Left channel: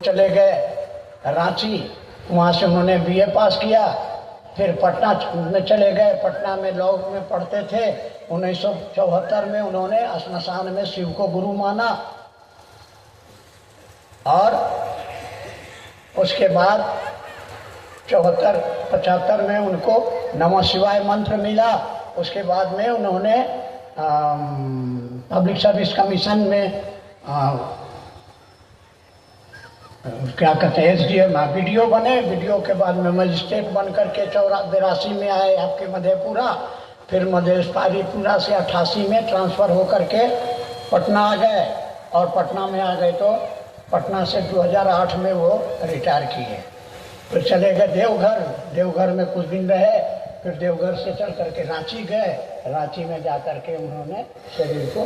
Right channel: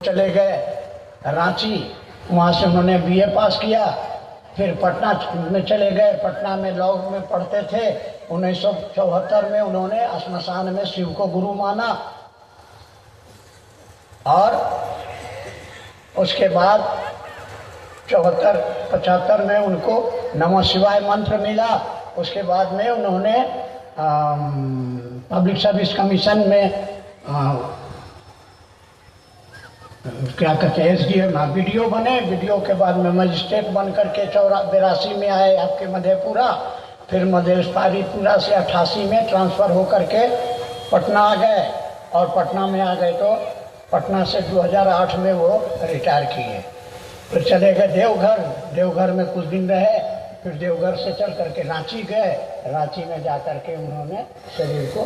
चले गए रांची, वहाँ से उन्होंने बीए पास किया। फिर पटना में चले गए, पटना में लॉ में पढ़ते थे। 1974 में उन्होंने श्मशान में शिव को गुरु माना और उसके बाद 74-75 में उनको नमः शिवाय मंत्र मिला। उसके बाद में उन्होंने पब्लिक सर्विस कमीशन में क्या कहते हैं SDM वीडियो बने। वीडियो के बाद में मजिस्ट्रेट बन करके 82 में आए आपके मधेपुरा। फिर मधेपुरा से 88 में ट्रांसफ़र हो करके पटना आ गए और पटना में आ गए तो पटना से 2008 में वो रिटायर किए। फिर चले गए देवघर, देवघर में कुछ दिन रहे। फिर देवघर से चल करके रांची गए, रांची में जा करके उन्होंने शरीर को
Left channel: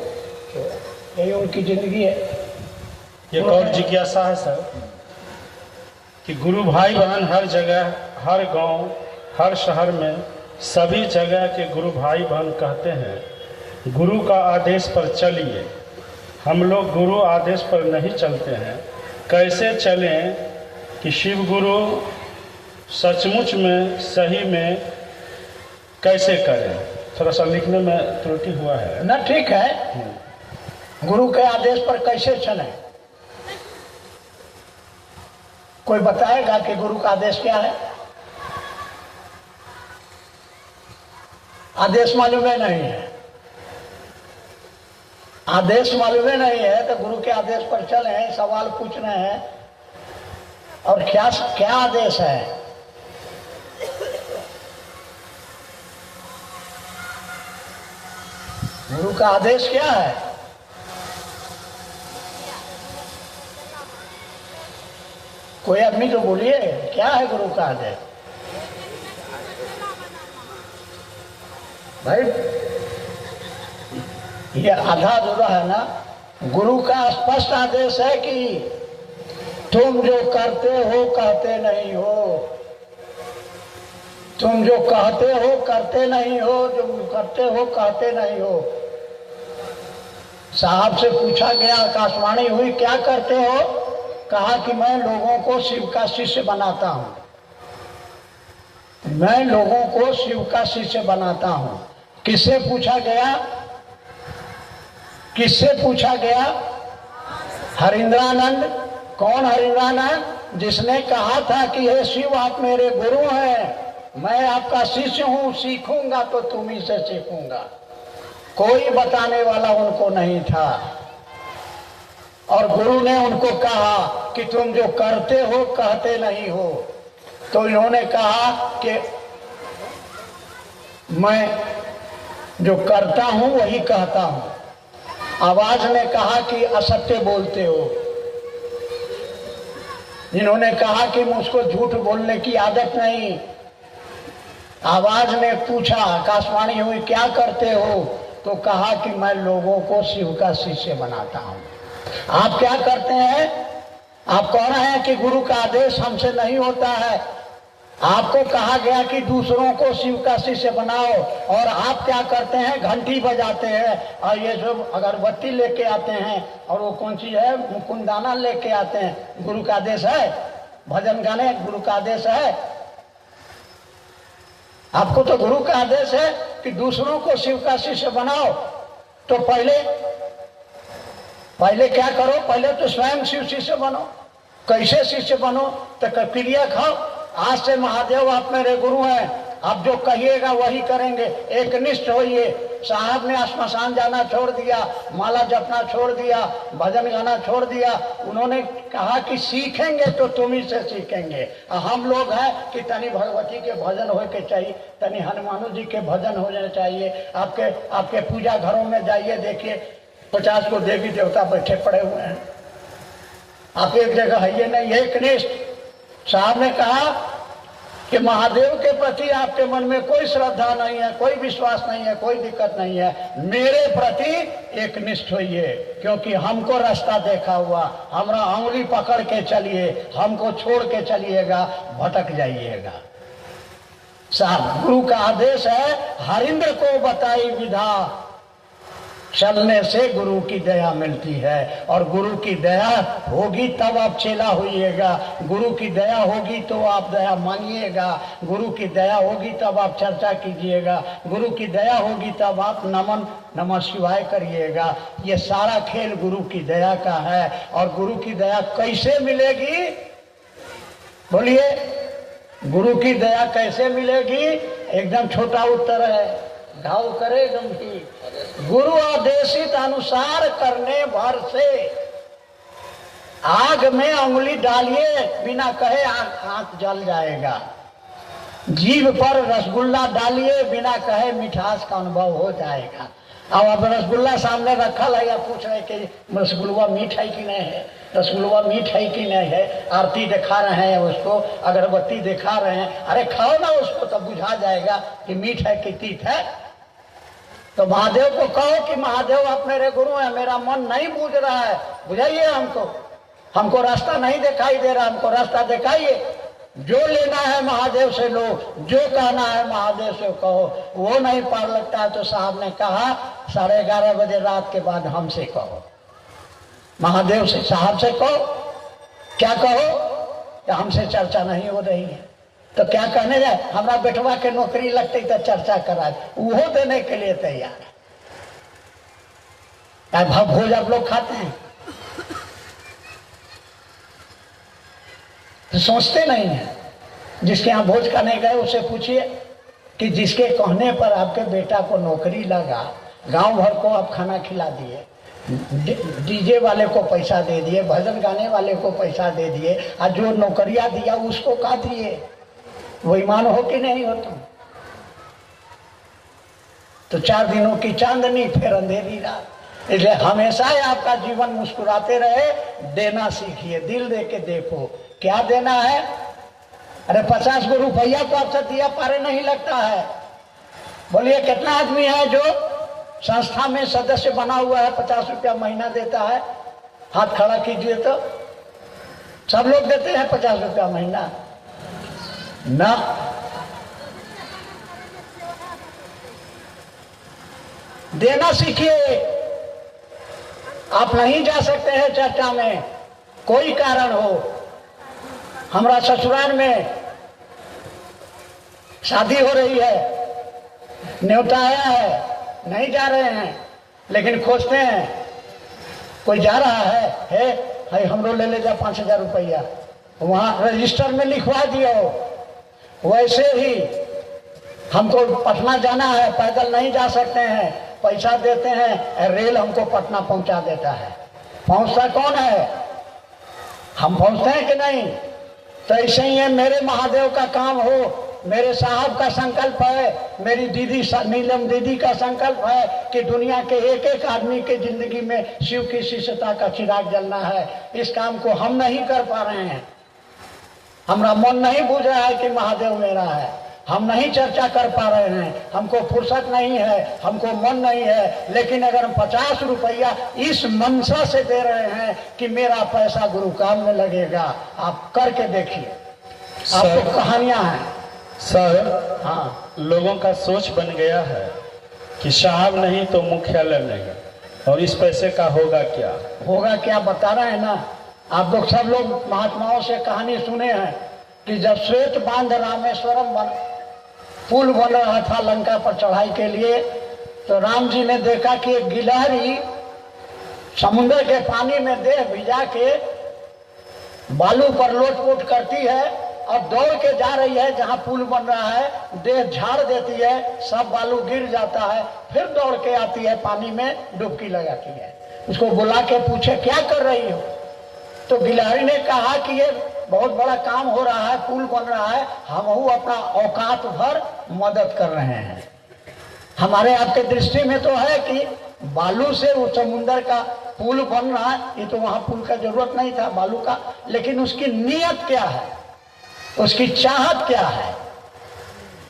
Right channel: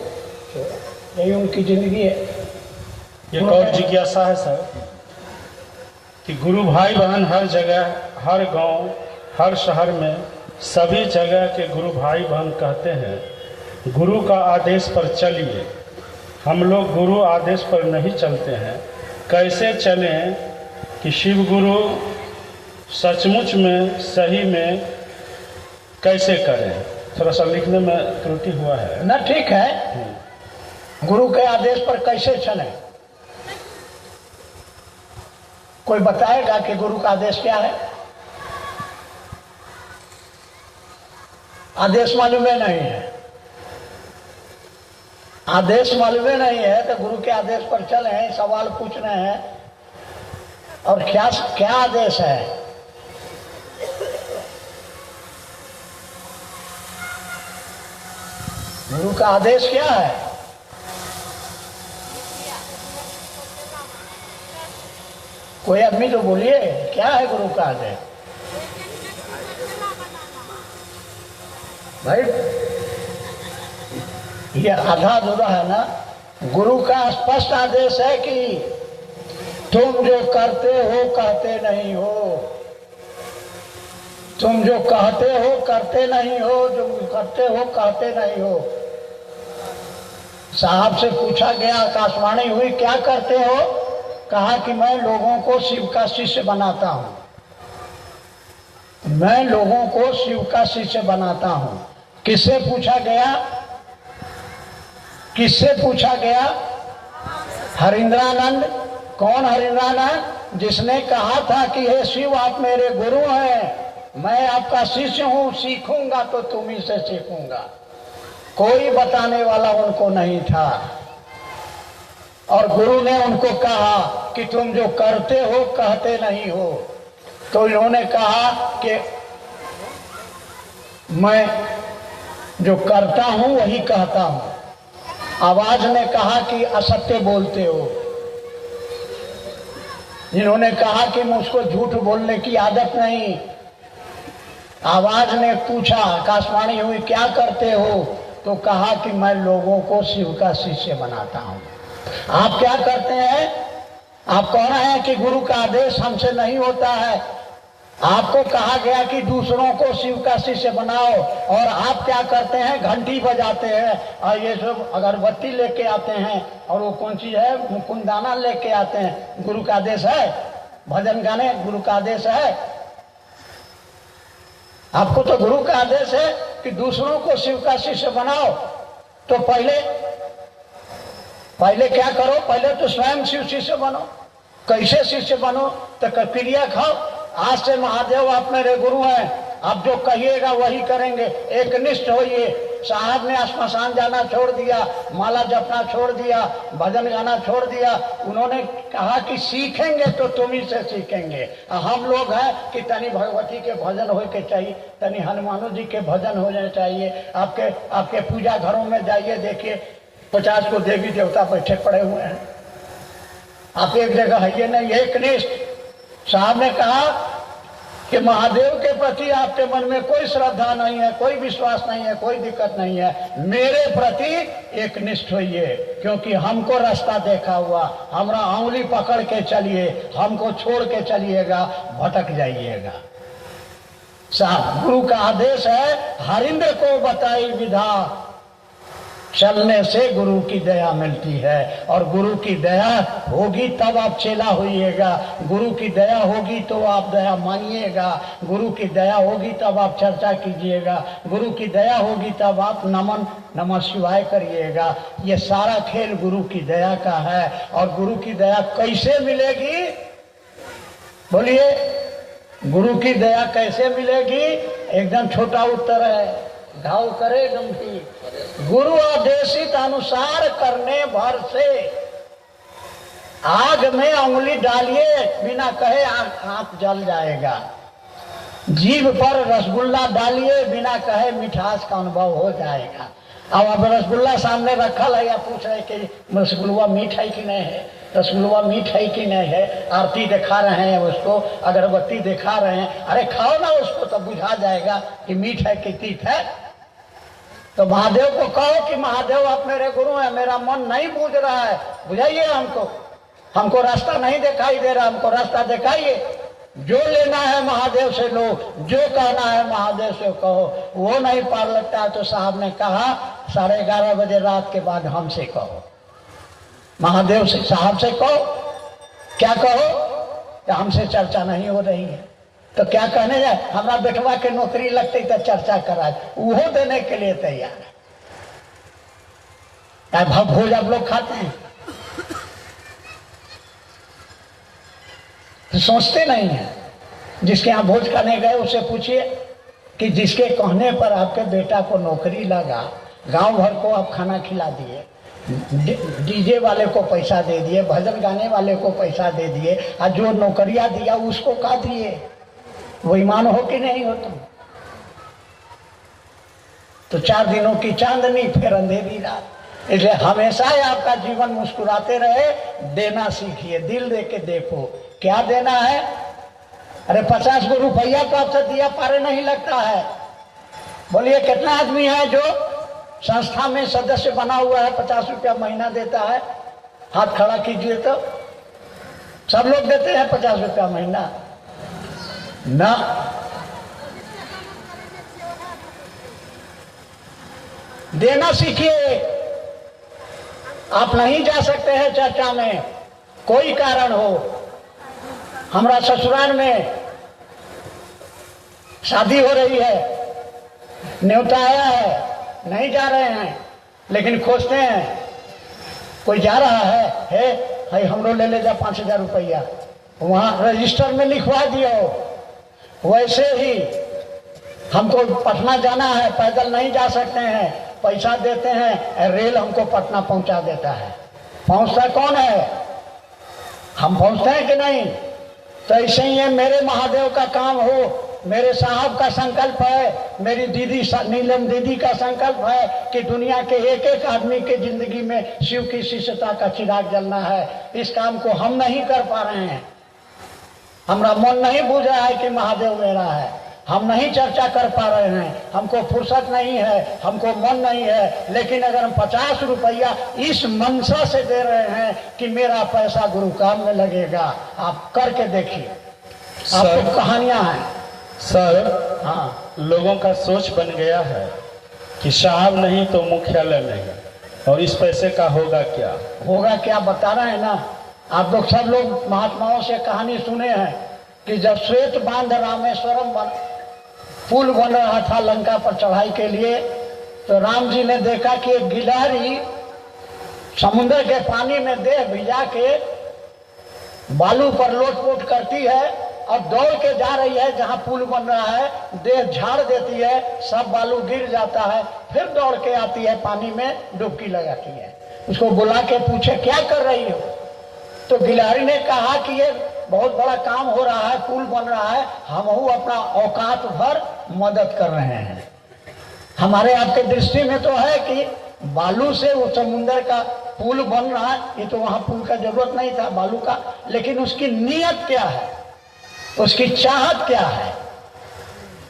छोड़ा। यही उनकी ज़िंदगी है। एक और जिज्ञासा है सर कि गुरु भाई बहन हर जगह, हर गांव, हर शहर में सभी जगह के गुरु भाई बहन कहते हैं गुरु का आदेश पर चलिए। हम लोग गुरु आदेश पर नहीं चलते हैं। कैसे चलें कि शिव गुरु सचमुच में सही में कैसे करें? थोड़ा सा लिखने में त्रुटि हुआ है ना। ठीक है, गुरु के आदेश पर कैसे चलें? कोई बताएगा कि गुरु का आदेश क्या है? आदेश मालूम है नहीं है, आदेश मालूम है नहीं है तो गुरु के आदेश पर चले। सवाल पूछ रहे हैं और क्या क्या आदेश है? गुरु का आदेश क्या है? कोई आदमी तो बोलिए, क्या है गुरु का आदेश? भाई ये आधा अधूरा है ना। गुरु का स्पष्ट आदेश है कि तुम जो करते हो कहते नहीं हो, तुम जो कहते हो करते नहीं हो, जो करते हो कहते नहीं हो। साहब से पूछा गया, आकाशवाणी हुई, क्या करते हो? कहा कि मैं लोगों को शिव का शिष्य बनाता हूं, मैं लोगों को शिव का शिष्य बनाता हूं। किससे पूछा गया? किससे पूछा गया? हरिंद्रानंद। कौन हरिंद्रानंद? जिसने कहा था कि हे शिव आप मेरे गुरु हैं, मैं आपका शिष्य हूं, सीखूंगा तो तुम्ही से सीखूंगा। कोई बताने वाला उनको नहीं था और गुरु ने उनको कहा कि तुम जो करते हो कहते नहीं हो। तो इन्होंने कहा कि मैं जो करता हूं वही कहता हूं। आवाज ने कहा कि असत्य बोलते हो। इन्होंने कहा कि मुझको झूठ बोलने की आदत नहीं। आवाज ने पूछा, आकाशवाणी हुई, क्या करते हो? तो कहा कि मैं लोगों को शिव का शिष्य बनाता हूं। आप क्या करते हैं? आप कह रहे हैं कि गुरु का आदेश हमसे नहीं होता है। आपको कहा गया कि दूसरों को शिव का शिष्य बनाओ और आप क्या करते हैं? घंटी बजाते हैं और ये सब अगरबत्ती लेके आते हैं और वो कौन चीज है, कुंदाना लेके आते हैं। गुरु का आदेश है? भजन गाने गुरु का आदेश है? आपको तो गुरु का आदेश है कि दूसरों को शिव का शिष्य बनाओ। तो पहले क्या करो? पहले तो स्वयं शिव शिष्य बनो। कैसे शिष्य बनो? तो क्रिया खाओ। आज से महादेव आप मेरे गुरु हैं, आप जो कहिएगा वही करेंगे। एक निष्ठ होइए। साहब ने श्मशान जाना छोड़ दिया, माला जपना छोड़ दिया, भजन गाना छोड़ दिया। उन्होंने कहा कि सीखेंगे तो तुम्ही से सीखेंगे। हम लोग हैं कि तनी भगवती के भजन हो के चाहिए, तनी हनुमानु जी के भजन होने चाहिए। आपके पूजा घरों में जाइए, देखिए 50 को देवी देवता बैठे पड़े हुए हैं। आप एक जगह है ये नहीं। एक निष्ठ। साहब ने कहा कि महादेव के प्रति आपके मन में कोई श्रद्धा नहीं है, कोई विश्वास नहीं है, कोई दिक्कत नहीं है। मेरे प्रति एक निष्ठ होइए, क्योंकि हमको रास्ता देखा हुआ। हमारा उंगली पकड़ के चलिए, हमको छोड़ के चलिएगा, भटक जाइएगा। साहब गुरु का आदेश है, हरिंद्र को बताई विधा, चलने से गुरु की दया मिलती है, और गुरु की दया होगी तब आप चेला होइएगा, गुरु की दया होगी तो आप दया मांगिएगा, गुरु की दया होगी तब आप चर्चा कीजिएगा, गुरु की दया होगी तब आप नमन नमः शिवाय करिएगा। ये सारा खेल गुरु की दया का है। और गुरु की दया कैसे मिलेगी? बोलिए, गुरु की दया कैसे मिलेगी? एकदम छोटा उत्तर है, घाव करे गंभीर। गुरु आदेशित अनुसार करने भर से आग में उंगली डालिए बिना कहे हाथ जल जाएगा। जीभ पर रसगुल्ला डालिए बिना कहे मिठास का अनुभव हो जाएगा। अब रसगुल्ला सामने रखा है या पूछ रहे कि रसगुल्ला मीठ है कि नहीं है, रसगुल्ला मीठ है कि नहीं है, आरती दिखा रहे हैं उसको, अगरबत्ती दिखा रहे हैं, अरे खाओ ना उसको तो बुझा जाएगा कि मीठ है कि तीत है। तो महादेव को कहो कि महादेव आप मेरे गुरु हैं, मेरा मन नहीं बूझ रहा है, बुझाइए हमको रास्ता नहीं दिखाई दे रहा, हमको रास्ता दिखाइए। जो लेना है महादेव से लो, जो कहना है महादेव से कहो। वो नहीं पार लगता है तो साहब ने कहा 11:30 बजे रात के बाद हमसे कहो, महादेव से साहब से कहो। क्या कहो? कि हमसे चर्चा नहीं हो रही है। तो क्या कहने जाए? हमारा बेटवा के नौकरी लगती तो चर्चा कराए, वो देने के लिए तैयार है। भोज आप लोग खाते हैं तो सोचते नहीं है। जिसके यहाँ भोज खाने गए उससे पूछिए कि जिसके कहने पर आपके बेटा को नौकरी लगा, गांव भर को आप खाना खिला दिए, डीजे वाले को पैसा दे दिए, भजन गाने वाले को पैसा दे दिए, और जो नौकरियां दिया उसको का दिए, वो ईमान हो कि नहीं हो? तुम तो 4 दिनों की चांदनी फिर अंधेरी रात। इसलिए हमेशा ही आपका जीवन मुस्कुराते रहे, देना सीखिए, दिल दे के देखो क्या देना है। अरे 50 रुपया को आपसे दिया पारे नहीं लगता है। बोलिए कितना आदमी है जो संस्था में सदस्य बना हुआ है, 50 रुपया महीना देता है? हाथ खड़ा कीजिए तो। सब लोग देते हैं 50 रुपया महीना ना। देना सीखिए। आप नहीं जा सकते हैं चर्चा में, कोई कारण हो। हमारा ससुराल में शादी हो रही है, न्योता आया है, नहीं जा रहे हैं, लेकिन खोजते हैं कोई जा रहा है हमरो ले जा 5000 रुपया, वहां रजिस्टर में लिखवा दियो। वैसे ही हमको पटना जाना है, पैदल नहीं जा सकते हैं, पैसा देते हैं, रेल हमको पटना पहुंचा देता है। पहुंचता कौन है? हम पहुंचते हैं कि नहीं? तो ऐसे ही मेरे महादेव का काम हो, मेरे साहब का संकल्प है, मेरी दीदी नीलम दीदी का संकल्प है कि दुनिया के एक एक आदमी के जिंदगी में शिव की शिष्यता का चिराग जलना है। इस काम को हम नहीं कर पा रहे हैं। हमारा मन नहीं बूझ रहा है कि महादेव मेरा है, हम नहीं चर्चा कर पा रहे हैं, हमको फुर्सत नहीं है, हमको मन नहीं है। लेकिन अगर हम 50 रुपया इस मनसा से दे रहे हैं कि मेरा पैसा गुरु काम में लगेगा, आप करके देखिए। आपको कहानियां हैं सर। हाँ, लोगों का सोच बन गया है कि साहब नहीं तो मुख्यालय नहीं, और इस पैसे का होगा क्या? होगा क्या बता रहे हैं ना। आप लोग सब लोग महात्माओं से कहानी सुने हैं कि जब श्वेत बांध रामेश्वरम पुल बन रहा था लंका पर चढ़ाई के लिए, तो राम जी ने देखा कि एक गिलहरी समुद्र के पानी में देह भिजा के बालू पर लोट-पोट करती है और दौड़ के जा रही है जहां पुल बन रहा है, देह झाड़ देती है, सब बालू गिर जाता है, फिर दौड़ के आती है पानी में डुबकी लगाती है। उसको बुला के पूछे क्या कर रही हो? तो गिलहरी ने कहा कि ये बहुत बड़ा काम हो रहा है, पुल बन रहा है, हम अपना औकात भर मदद कर रहे हैं। हमारे आपके दृष्टि में तो है कि बालू से वो समुद्र का पुल बन रहा है, ये तो वहां पुल का जरूरत नहीं था बालू का, लेकिन उसकी नीयत क्या है, उसकी चाहत क्या है।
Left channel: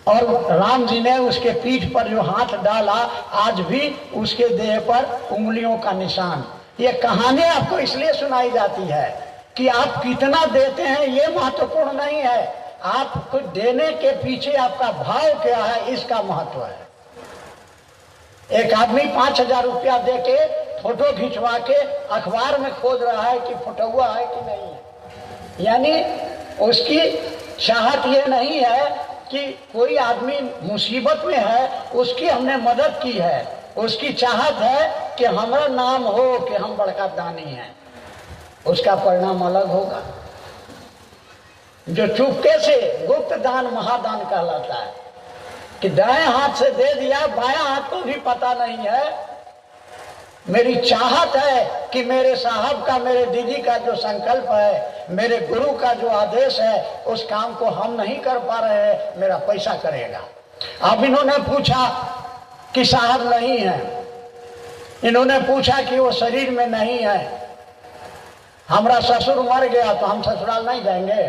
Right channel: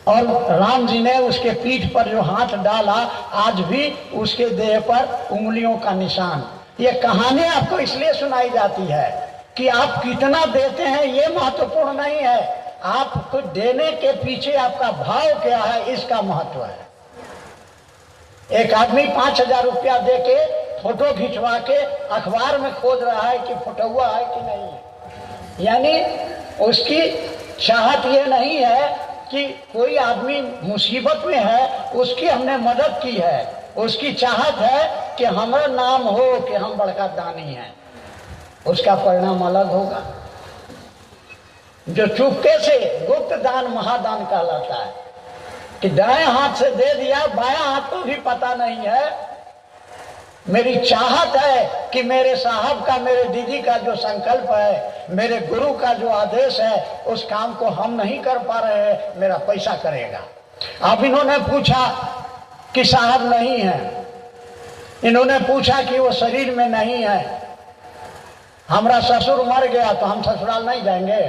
और राम जी ने उसके पीठ पर जो हाथ डाला, आज भी उसके देह पर उंगलियों का निशान। ये कहानी आपको इसलिए सुनाई जाती है कि आप कितना देते हैं ये महत्वपूर्ण नहीं है, आपको देने के पीछे आपका भाव क्या है इसका महत्व है। एक आदमी 5,000 रुपया दे के फोटो खिंचवा के अखबार में खोज रहा है कि फोटोआ है कि नहीं है। यानी उसकी चाहत ये नहीं है कि कोई आदमी मुसीबत में है उसकी हमने मदद की है, उसकी चाहत है कि हमारा नाम हो कि हम बड़का दानी हैं। उसका परिणाम अलग होगा। जो चुपके से गुप्त दान महादान कहलाता है कि दाएं हाथ से दे दिया, बायां हाथ को भी पता नहीं है। मेरी चाहत है कि मेरे साहब का, मेरे दीदी का जो संकल्प है, मेरे गुरु का जो आदेश है, उस काम को हम नहीं कर पा रहे हैं, मेरा पैसा करेगा। अब इन्होंने पूछा कि साहब नहीं है, इन्होंने पूछा कि वो शरीर में नहीं है। हमारा ससुर मर गया तो हम ससुराल नहीं जाएंगे?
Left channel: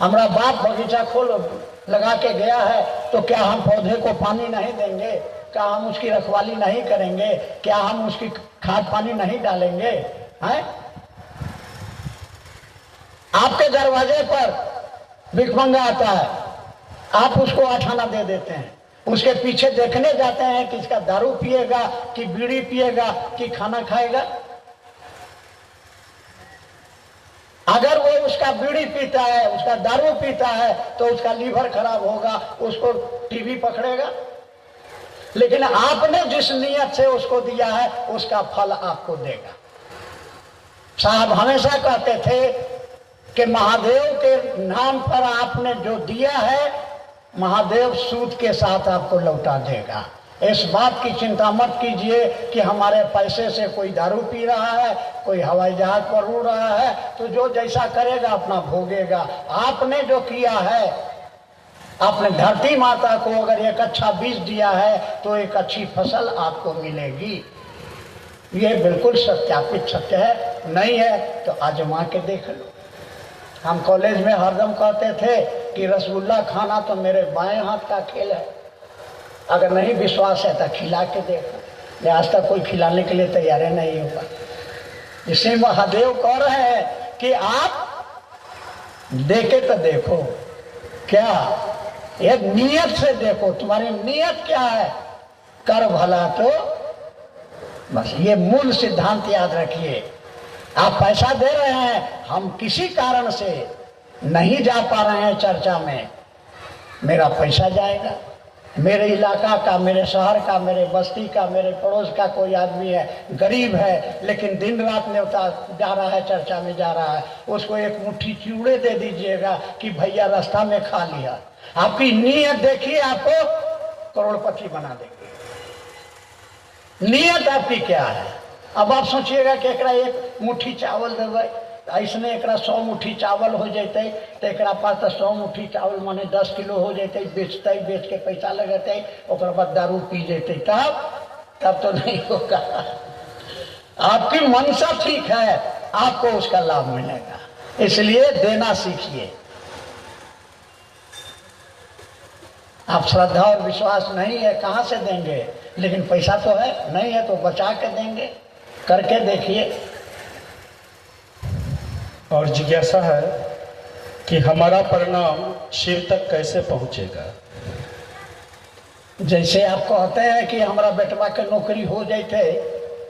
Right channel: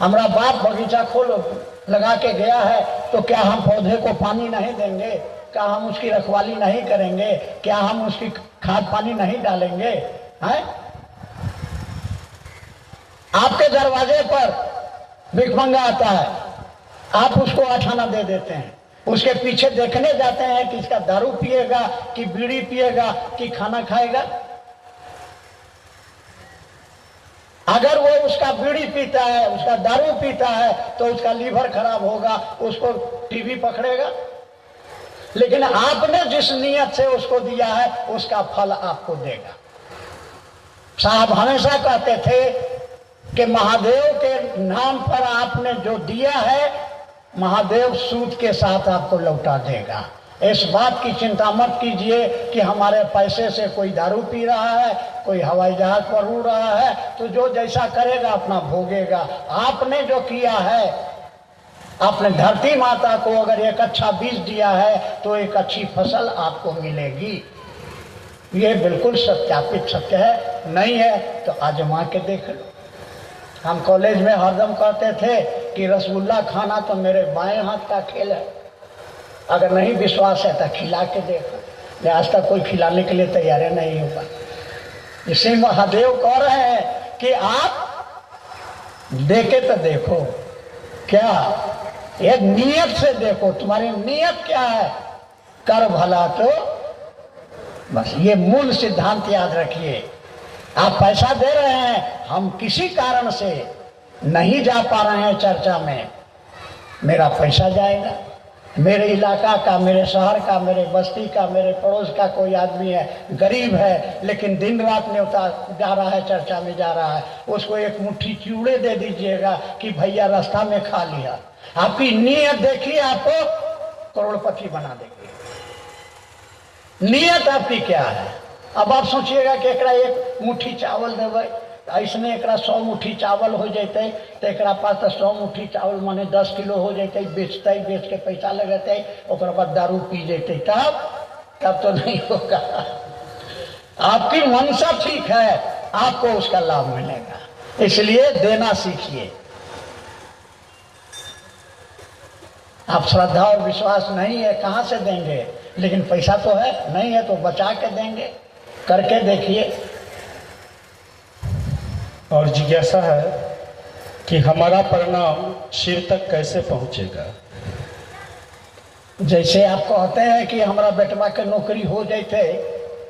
हमारा बाप बगीचा खोल लगा के गया है तो क्या हम पौधे को पानी नहीं देंगे? क्या हम उसकी रखवाली नहीं करेंगे? क्या हम उसकी खाद पानी नहीं डालेंगे? हैं? आपके दरवाजे पर भिखमंगा आता है, आप उसको 8 आना दे देते हैं, उसके पीछे देखने जाते हैं कि इसका दारू पिएगा कि बीड़ी पिएगा कि खाना खाएगा। अगर वो उसका बीड़ी पीता है, उसका दारू पीता है तो उसका लीवर खराब होगा, उसको टीबी पकड़ेगा। लेकिन आपने जिस नियत से उसको दिया है उसका फल आपको देगा। साहब हमेशा कहते थे कि महादेव के नाम पर आपने जो दिया है, महादेव सूद के साथ आपको लौटा देगा। इस बात की चिंता मत कीजिए कि हमारे पैसे से कोई दारू पी रहा है, कोई हवाई जहाज पर उड़ रहा है, तो जो जैसा करेगा अपना भोगेगा। आपने जो किया है, आपने धरती माता को अगर एक अच्छा बीज दिया है तो एक अच्छी फसल आपको मिलेगी। ये बिल्कुल सत्यापित सत्य है। नहीं है तो आजमा के देख लो। हम कॉलेज में हरदम कहते थे कि रसगुल्ला खाना तो मेरे बाएं हाथ का खेल है, अगर नहीं विश्वास है तो खिला के देखो। आज तक कोई खिलाने के लिए तैयार नहीं होगा। इसी महादेव कह रहे हैं कि आप देखे तो देखो, क्या एक नियत से देखो, तुम्हारी नियत क्या है, कर भला तो बस। ये मूल सिद्धांत याद रखिए। आप पैसा दे रहे हैं, हम किसी कारण से नहीं जा पा रहे हैं चर्चा में, मेरा पैसा जाएगा। मेरे इलाका का, मेरे शहर का, मेरे बस्ती का, मेरे पड़ोस का कोई आदमी है, गरीब है, लेकिन दिन रात न्योता जा रहा है, चर्चा में जा रहा है, उसको एक मुट्ठी चूड़े दे दीजिएगा कि भैया रास्ता में खा लिया। आपकी नीयत देखिए, आपको करोड़पति बना देगी। नियत आपकी क्या है? अब आप सोचिएगा कि एकरा एक मुट्ठी चावल देवे, ऐसने एकरा 100 मुट्ठी चावल हो जाते तो एकरा पास तो 100 मुट्ठी चावल माने 10 किलो हो जाते, बेचते, बेच के पैसा लगते, ओकर बाद दारू पी जाते, तब तो नहीं होगा। आपकी मनसा ठीक है, आपको उसका लाभ मिलेगा। इसलिए देना सीखिए। आप श्रद्धा और विश्वास नहीं है, कहां से देंगे? लेकिन पैसा तो है, नहीं है तो बचा के देंगे। करके देखिए। और जिज्ञासा है कि हमारा परिणाम शिव तक कैसे पहुंचेगा? जैसे आप कहते हैं कि हमारा बेटवा के नौकरी हो जाते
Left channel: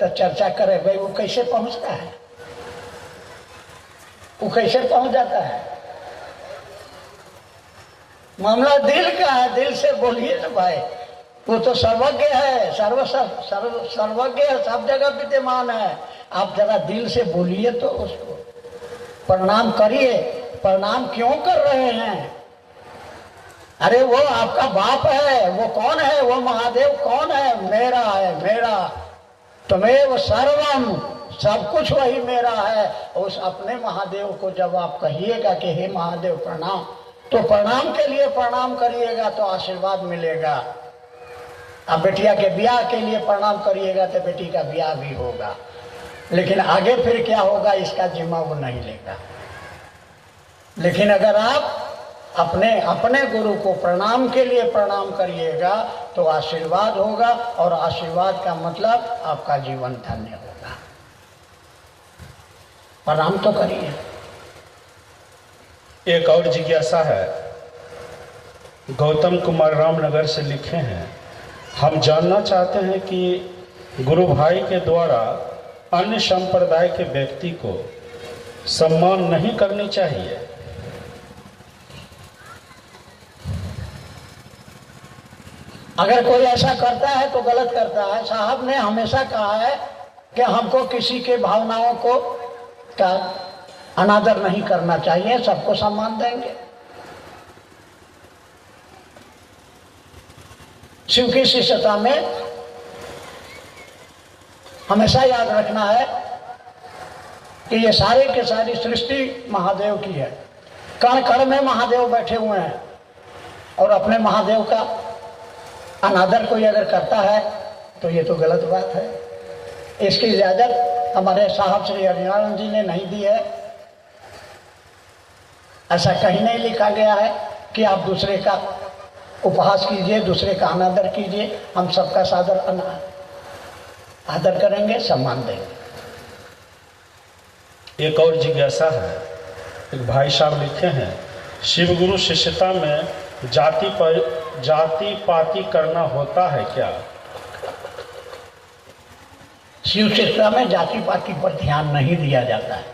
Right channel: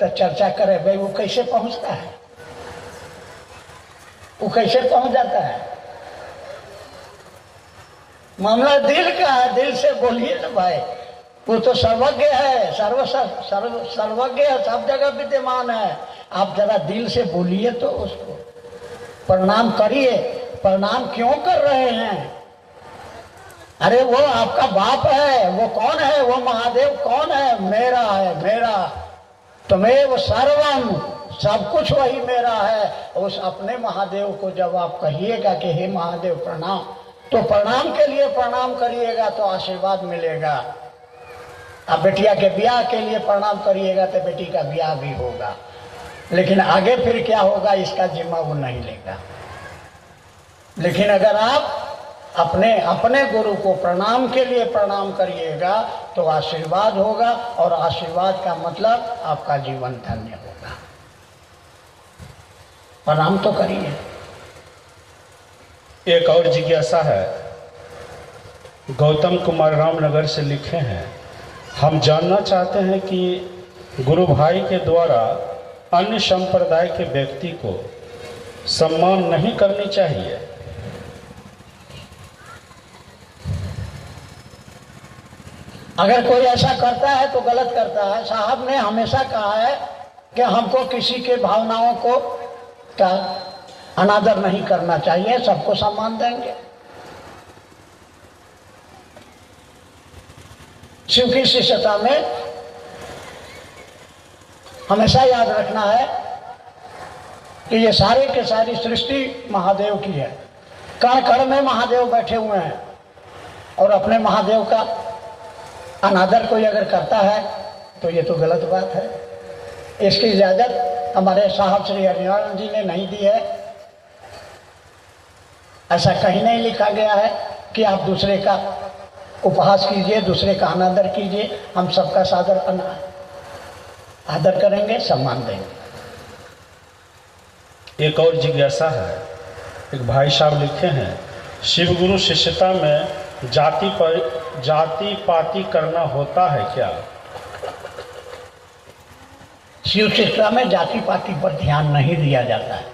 तो चर्चा करेगा, वो कैसे पहुंचता है? वो कैसे पहुंच जाता है? मामला दिल का है, दिल से बोलिए ना भाई। वो तो सर्वज्ञ है, सर्वज्ञ है, सब जगह विद्यमान है। आप जरा दिल से बोलिए तो उसको प्रणाम करिए। प्रणाम क्यों कर रहे हैं? अरे वो आपका बाप है। वो कौन है? वो महादेव कौन है? मेरा है, मेरा। तुम्हें सर्वम, सब कुछ वही मेरा है। उस अपने महादेव को जब आप कहिएगा कि हे महादेव प्रणाम, तो प्रणाम के लिए प्रणाम करिएगा तो आशीर्वाद मिलेगा। अब बेटिया के ब्याह के लिए प्रणाम करिएगा तो बेटी का ब्याह भी होगा। लेकिन आगे फिर क्या होगा इसका जिम्मा वो नहीं लेगा। लेकिन अगर आप अपने गुरु को प्रणाम के लिए प्रणाम करिएगा तो आशीर्वाद होगा, और आशीर्वाद का मतलब आपका जीवन धन्य होगा। प्रणाम तो करिए। एक और जिज्ञासा है। गौतम कुमार रामनगर से लिखे हैं हम जानना चाहते हैं कि गुरु भाई के द्वारा अन्य संप्रदाय के व्यक्ति को सम्मान नहीं करनी चाहिए। अगर कोई ऐसा करता है तो गलत करता है। साहब ने हमेशा कहा है कि हमको किसी के भावनाओं को का अनादर नहीं करना चाहिए, सबको सम्मान देंगे। शिव की शिष्यता में हमेशा याद रखना है कि ये सारे के सारी सृष्टि महादेव की है। कण कण में महादेव बैठे हुए हैं और अपने महादेव का अनादर कोई अगर करता है तो ये तो गलत बात है। इसकी इजाजत हमारे साहब श्री हरिनारायण जी ने नहीं दी है। ऐसा कहीं नहीं लिखा गया है कि आप दूसरे का उपहास कीजिए, दूसरे का अनादर कीजिए। हम सबका सादर आदर करेंगे, सम्मान देंगे। एक और जिज्ञासा है, एक भाई साहब लिखे हैं, शिव गुरु शिष्यता में जाति पाति करना होता है क्या? शिव शिष्यता में जाति पाति पर ध्यान नहीं दिया जाता है।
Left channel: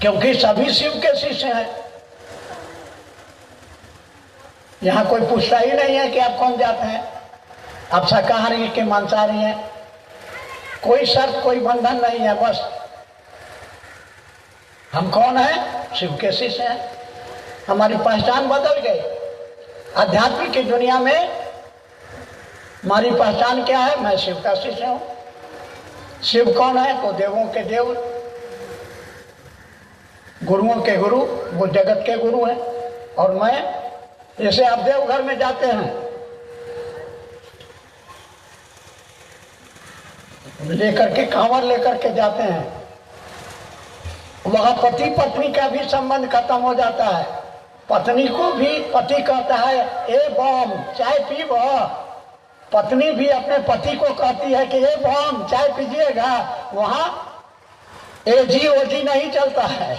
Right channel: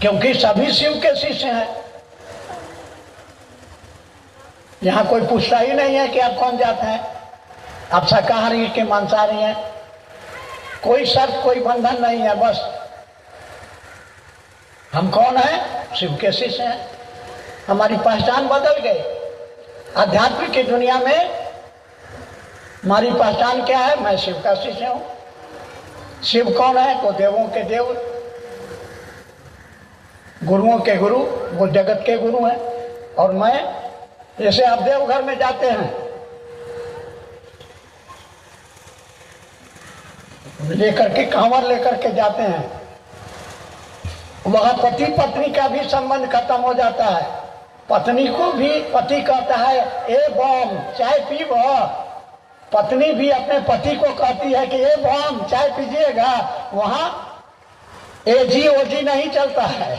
क्योंकि सभी शिव के शिष्य हैं। यहां कोई पूछता ही नहीं है कि आप कौन जात हैं, आप शाकाहारी के मांसाहारी हैं। कोई शर्त, कोई बंधन नहीं है। बस हम कौन हैं? शिव के शिष्य हैं। हमारी पहचान बदल गई। आध्यात्म की दुनिया में हमारी पहचान क्या है? मैं शिव का शिष्य हूं। शिव कौन है? तो देवों के देव, गुरुओं के गुरु, वो जगत के गुरु हैं। और मैं, जैसे आप देवघर में जाते हैं, लेकर के कांवर लेकर के जाते हैं, वहां पति पत्नी का भी संबंध खत्म हो जाता है। पत्नी को भी पति कहता है ए बम चाय पी वो। पत्नी भी अपने पति को कहती है कि ए बम चाय पीजिएगा। वहां एजी ओजी नहीं चलता है,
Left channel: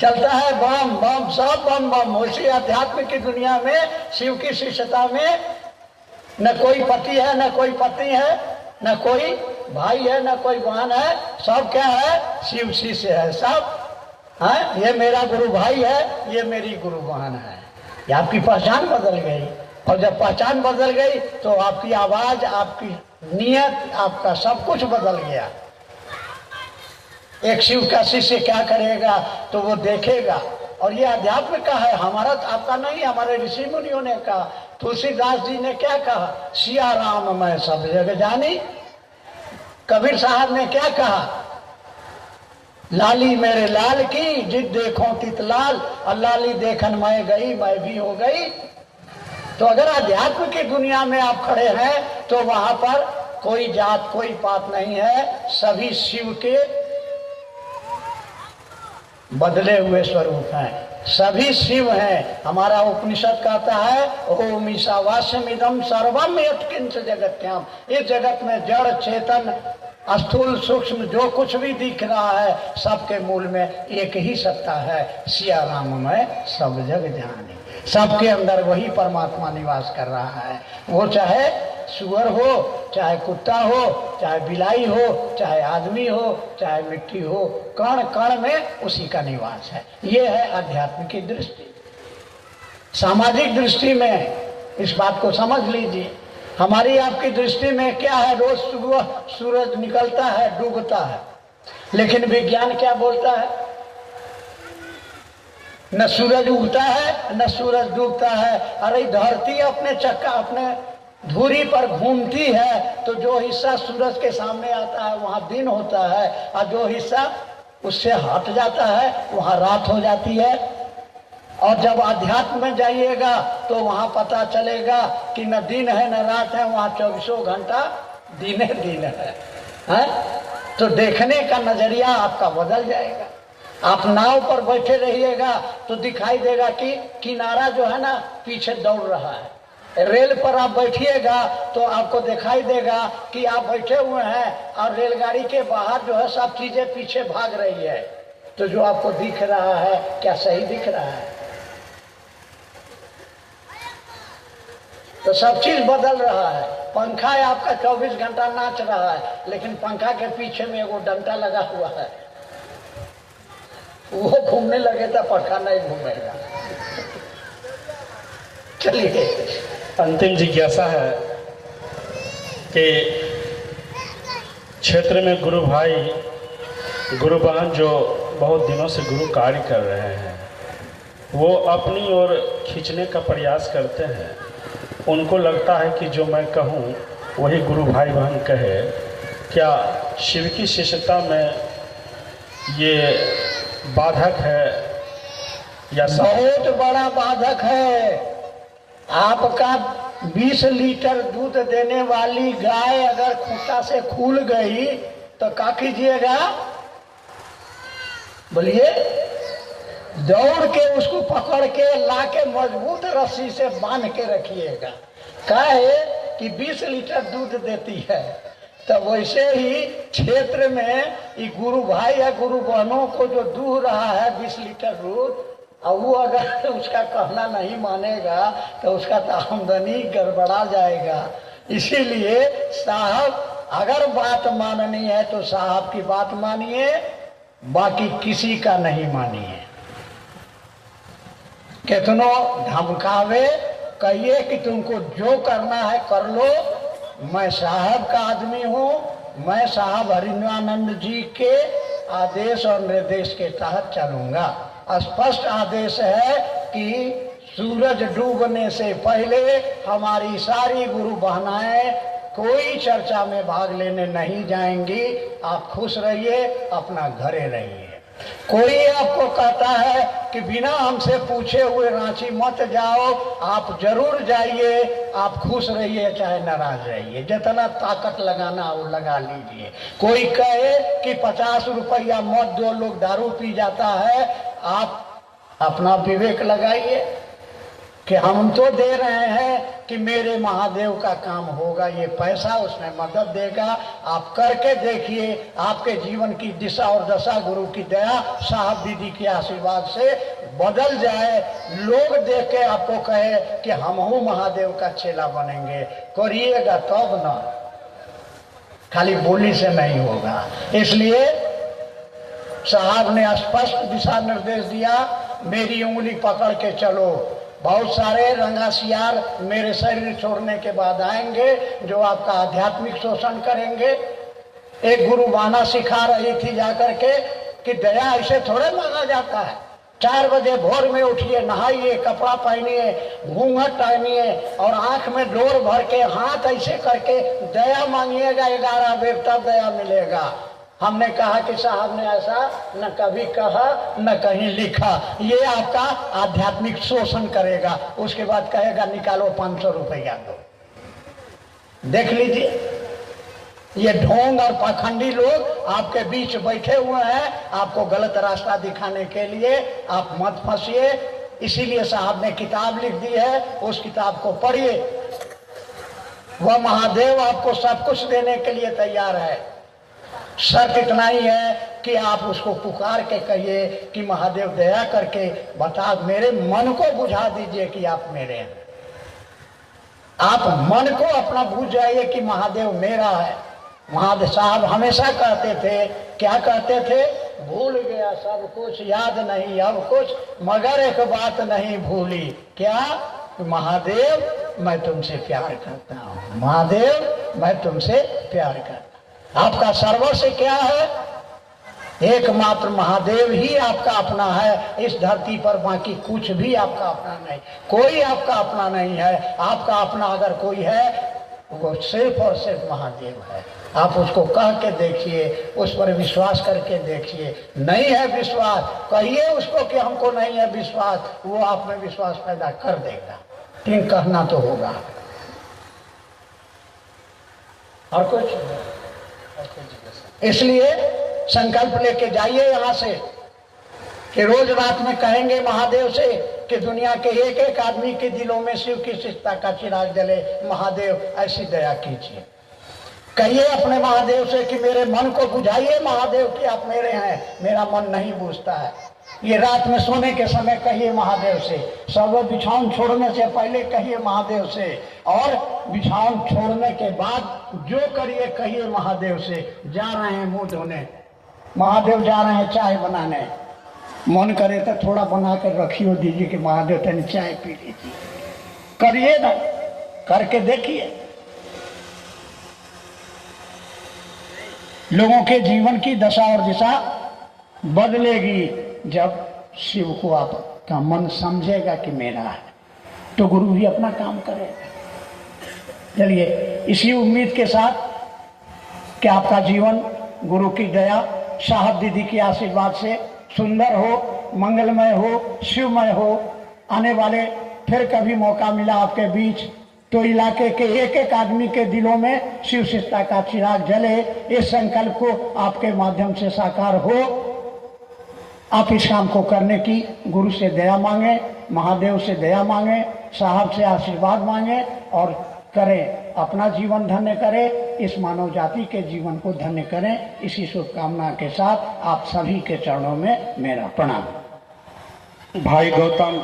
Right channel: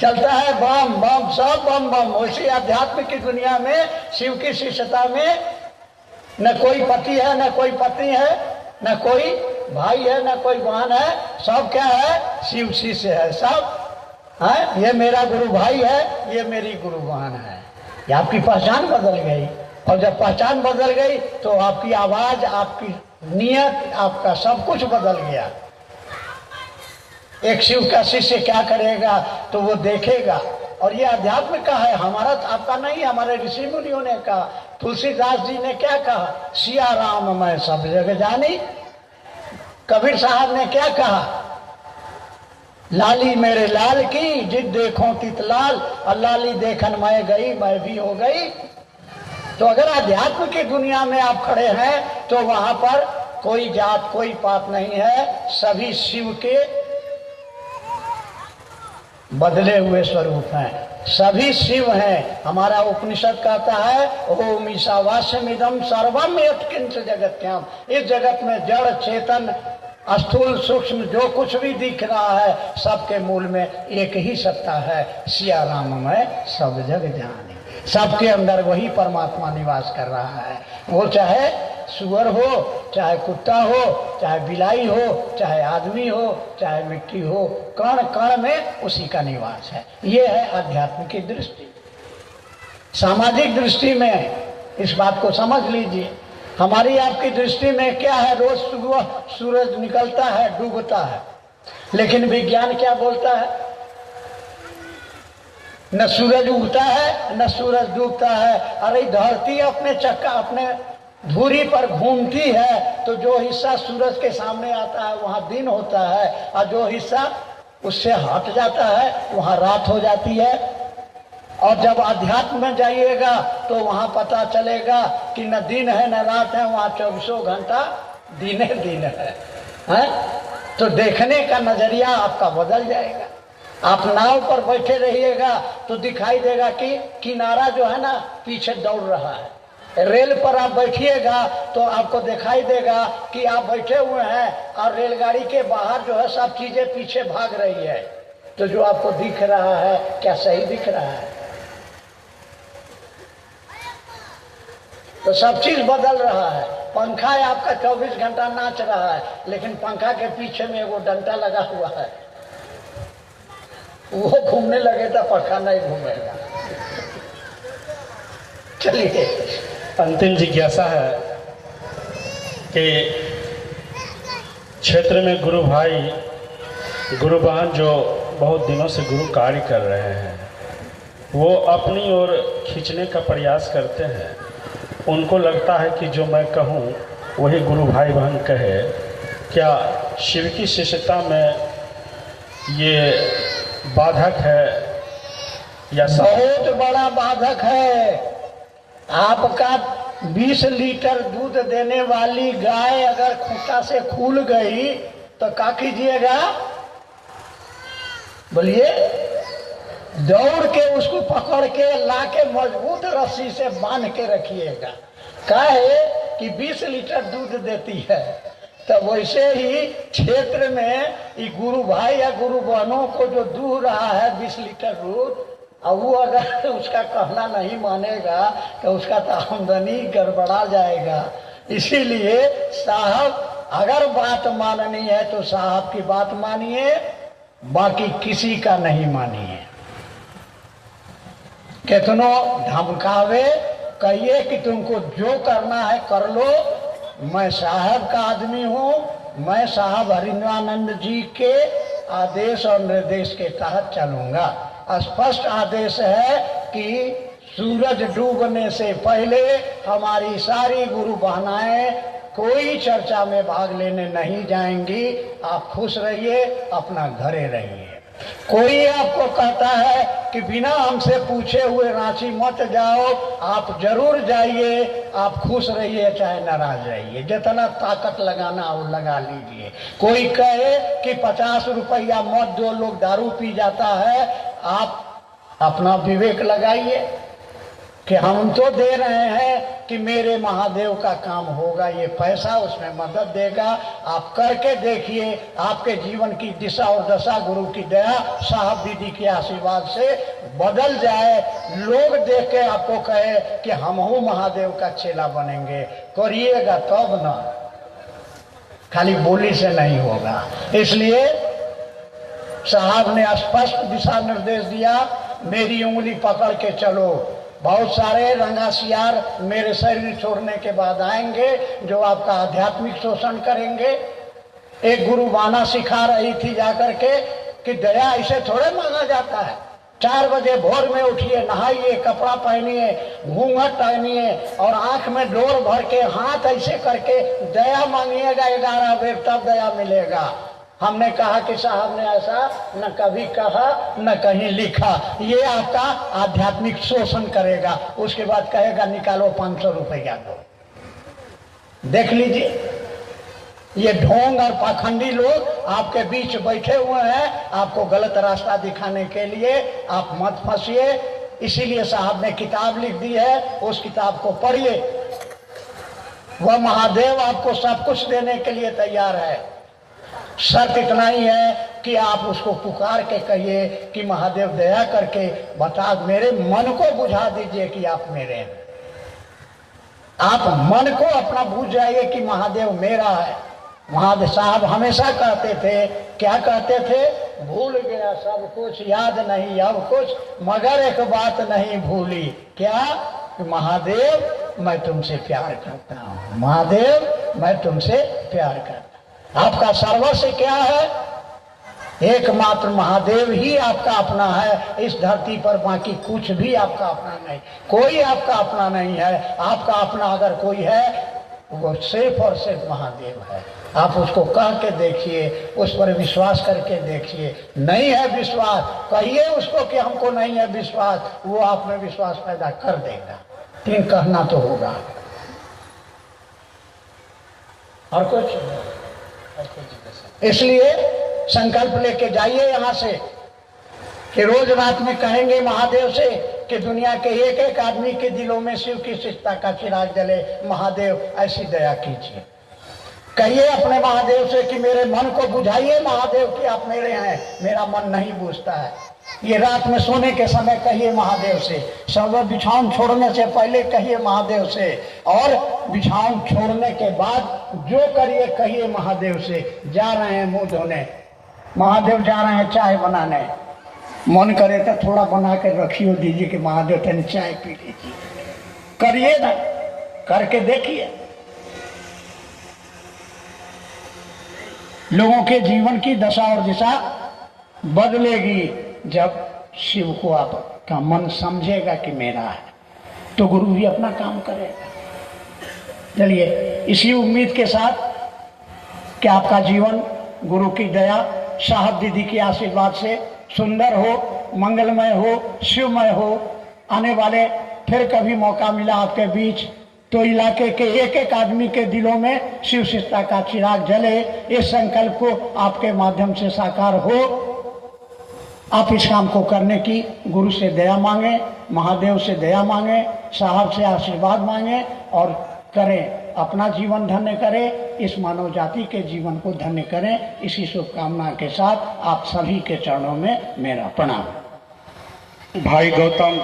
चलता है बम बम, सब बम बम। उसी अध्यात्म की दुनिया में, शिव की शिष्यता में न कोई पति है, न कोई पत्नी है, न कोई भाई है, न कोई बहन है। सब क्या है? शिव शिष्य है सब। है ये मेरा गुरु भाई है, ये मेरी गुरु बहन है। ये आपकी पहचान बदल गई। और जब पहचान बदल गई तो आपकी आवाज, आपकी नियत, आपका सब कुछ बदल गया। एक शिव का शिष्य क्या करेगा तो वो देखेगा। और ये अध्यात्म का है, हमारा आपका नहीं। हमारे ऋषि मुनियों ने कहा, तुलसीदास जी ने क्या कहा? सिया राम मैं सब जग जानी। कबीर साहब ने क्या कहा? लाली मेरे लाल की जिद देखो तित लाल, लाली देखन मैं गई मैं भी हो गई। तो अगर अध्यात्म की दुनिया में आप खड़े हैं तो वहां पर कोई जात, कोई पात नहीं है। सभी शिव के बदले हुए स्वरूप हैं, सभी शिव हैं। हमारा उपनिषद कहता है ओम ईशावास्यमिदं सर्वम यत्किंच जगत्याम। इस जगत में जड़ चेतन स्थूल सूक्ष्म जो कुछ भी दिख रहा है, सबके मूल में एक ही सत्ता है, सिया राम में सब जग जानी। सबके अंदर वही परमात्मा निवास कर रहा है। वो चाहे सुअर हो, चाहे कुत्ता हो, चाहे बिलाई हो, चाहे आदमी हो, चाहे मिट्टी हो, कण कण में उसी का निवास है। ये है अध्यात्म की दृष्टि। सामाजिक दृष्टि में इस बात को समझ लीजिए। हमारी आपकी दृष्टि में क्या है? रोज सुबह सूरज निकलता है, डूबता है, लेकिन विज्ञान क्या बोलता है? न सूरज उगता है, न सूरज डूबता है। अरे धरती अपने चक्का, अपने धुरी पर घूमती है, तो जो हिस्सा सूरज के सामने आता है वहां दिन होता है, और जो हिस्सा उससे हट जाता है वहां रात हो जाती है। और जब अध्यात्म में जाइएगा तो वहां पता चलेगा कि न दिन है न रात है, वहां 24 घंटा दिन दिन है? तो देखने का नजरिया आपका बदल जाएगा। आप नाव पर बैठे रहिएगा तो दिखाई देगा कि किनारा जो है ना पीछे दौड़ रहा है, रेल पर आप बैठिएगा तो आपको दिखाई देगा कि आप बैठे हुए हैं और रेलगाड़ी के बाहर जो है सब चीजें पीछे भाग रही है। तो जो आपको दिख रहा है क्या सही दिख रहा है? तो सब चीज बदल रहा है। पंखा आपका 24 घंटा नाच रहा है, लेकिन पंखा के पीछे में वो डंडा लगा हुआ है, वो घूमने लगे तो पंखा नहीं घूमेगा। चलिए, अंतिम जिज्ञासा है कि क्षेत्र में गुरु भाई गुरु बहन जो बहुत दिनों से गुरु कार्य कर रहे हैं, वो अपनी ओर खींचने का प्रयास करते हैं। उनको लगता है कि जो मैं कहूँ वही गुरु भाई बहन कहे। क्या शिव की शिष्यता में ये बाधक है या बहुत बड़ा बाधक है। आपका 20 लीटर दूध देने वाली गाय अगर खूंटा से खुल गई तो क्या कीजिएगा? बोलिए। दौड़ के उसको पकड़ के ला के मजबूत रस्सी से बांध के रखिएगा। काहे कि 20 लीटर दूध देती है। तो वैसे ही क्षेत्र में ये गुरु भाई या गुरु बहनों को जो दूह रहा है 20 लीटर दूध, और वो अगर उसका कहना नहीं मानेगा तो उसका तो आमदनी गड़बड़ा जाएगा। इसीलिए साहब अगर बात माननी है तो साहब की बात मानिए, बाकी किसी का नहीं मानिए। कितनों धमकावे, कहिए कि तुमको जो करना है कर लो, मैं साहब का आदमी हूँ, मैं साहब हरिनानंद जी के आदेश और निर्देश के तहत चलूंगा। स्पष्ट आदेश है कि सूरज डूबने से पहले हमारी सारी गुरु बहनाएं कोई चर्चा में भाग लेने नहीं जाएंगी। आप खुश रहिए, अपना घरे रहिए। कोई आपको कहता है कि बिना हमसे पूछे हुए रांची मत जाओ, आप जरूर जाइए, आप खुश रहिए चाहे नाराज रहिए, जितना ताकत लगाना हो लगा लीजिए। कोई कहे कि 50 रुपया मत दो, लोग दारू पी जाता है, आप अपना विवेक लगाइए कि हम तो दे रहे हैं कि मेरे महादेव का काम होगा, ये पैसा उसमें मदद देगा। आप करके देखिए, आपके जीवन की दिशा और दशा गुरु की दया, साहब दीदी के आशीर्वाद से बदल जाए। लोग देख के आपको कहे कि हम हूँ महादेव का चेला बनेंगे। करिएगा तब ना, खाली बोली से नहीं होगा। इसलिए साहब ने स्पष्ट दिशा निर्देश दिया, मेरी उंगली पकड़ के चलो। बहुत सारे रंगासियार मेरे शरीर छोड़ने के बाद आएंगे जो आपका आध्यात्मिक शोषण करेंगे। एक गुरु बाना सिखा रही थी जाकर के कि दया ऐसे थोड़े मांगा जाता है। 4 बजे भोर में उठिए, नहाइए, कपड़ा पहनिए, घूंघट पहनिए और आंख में डोर भर के हाथ ऐसे करके दया मांगिएगा 11 बेर, तब दया मिलेगा। हमने कहा कि साहब ने ऐसा न कभी कहा न कहीं लिखा। ये आपका आध्यात्मिक शोषण करेगा। उसके बाद कहेगा निकालो 500 रुपया दो। देख लीजिए, ये ढोंग और पाखंडी लोग आपके बीच बैठे हुए हैं, आपको गलत रास्ता दिखाने के लिए। आप मत फंसिए। इसीलिए साहब ने किताब लिख दी है, उस किताब को पढ़िए। वह महादेव आपको सब कुछ देने के लिए तैयार है। शर्त इतना ही है कि आप उसको पुकार के कहिए कि महादेव दया करके बता, मेरे मन को बुझा दीजिए कि आप मेरे हैं। आप मन को अपना बुझ जाइए कि महादेव मेरा है। महादेव साहब हमेशा कहते थे, क्या कहते थे? भूल गया सब कुछ, याद नहीं अब कुछ, मगर एक बात नहीं भूली। क्या? महादेव मैं तुमसे प्यार करता हूँ, महादेव मैं तुमसे प्यार करता हूँ। आपका सर्वस्व क्या है? एकमात्र महादेव ही आपका अपना है इस धरती पर, बाकी कुछ भी आपका अपना नहीं। कोई आपका अपना नहीं है। आपका अपना अगर कोई है वो सिर्फ और सिर्फ महादेव है। आप उसको कह के देखिए, उस पर विश्वास करके देखिए। नहीं है विश्वास, कहिए उसको कि हमको नहीं है विश्वास, वो आप में विश्वास पैदा कर देगा। लेकिन कहना तो होगा। और कुछ? इसलिए संकल्प लेके जाइए यहाँ से कि रोज रात में कहेंगे महादेव से कि दुनिया के एक एक आदमी के दिलों में शिव की शिष्टता का चिराग जले। महादेव ऐसी दया कीजिए। कहिए अपने महादेव से कि मेरे मन को बुझाइए महादेव कि आप मेरे हैं, मेरा मन नहीं बूझता है। ये रात में सोने के समय कहिए महादेव से, सब बिछावन छोड़ने से पहले कहिए महादेव से, और बिछावन छोड़ने के बाद जो करिए कहिए महादेव से। जा रहे हैं मुंह धोने, महादेव जा रहे हैं चाय बनाने, मन करे तो थोड़ा बना के रखियो दीजिए कि महादेव तनी चाय पी लीजिए। करिए ना, करके देखिए। लोगों के जीवन की दशा और दिशा बदलेगी जब शिव को आपका मन समझेगा कि मेरा है, तो गुरु भी अपना काम करेगा। चलिए इसी उम्मीद के साथ कि आपका जीवन गुरु की दया, साहब दीदी के आशीर्वाद से सुंदर हो, मंगलमय हो, शिवमय हो। आने वाले फिर कभी मौका मिला आपके बीच तो इलाके के एक एक आदमी के दिलों में शिव शिष्टता का चिराग जले, इस संकल्प को आपके माध्यम से साकार हो। आप इस काम को करने की गुरु से दया मांगे, महादेव से दया मांगे, साहब से आशीर्वाद मांगे और करें। अपना जीवन धन्य करें, इस मानव जाति के जीवन को धन्य करें। इसी शुभकामना के साथ आप सभी के चरणों में मेरा प्रणाम। भाई गौतम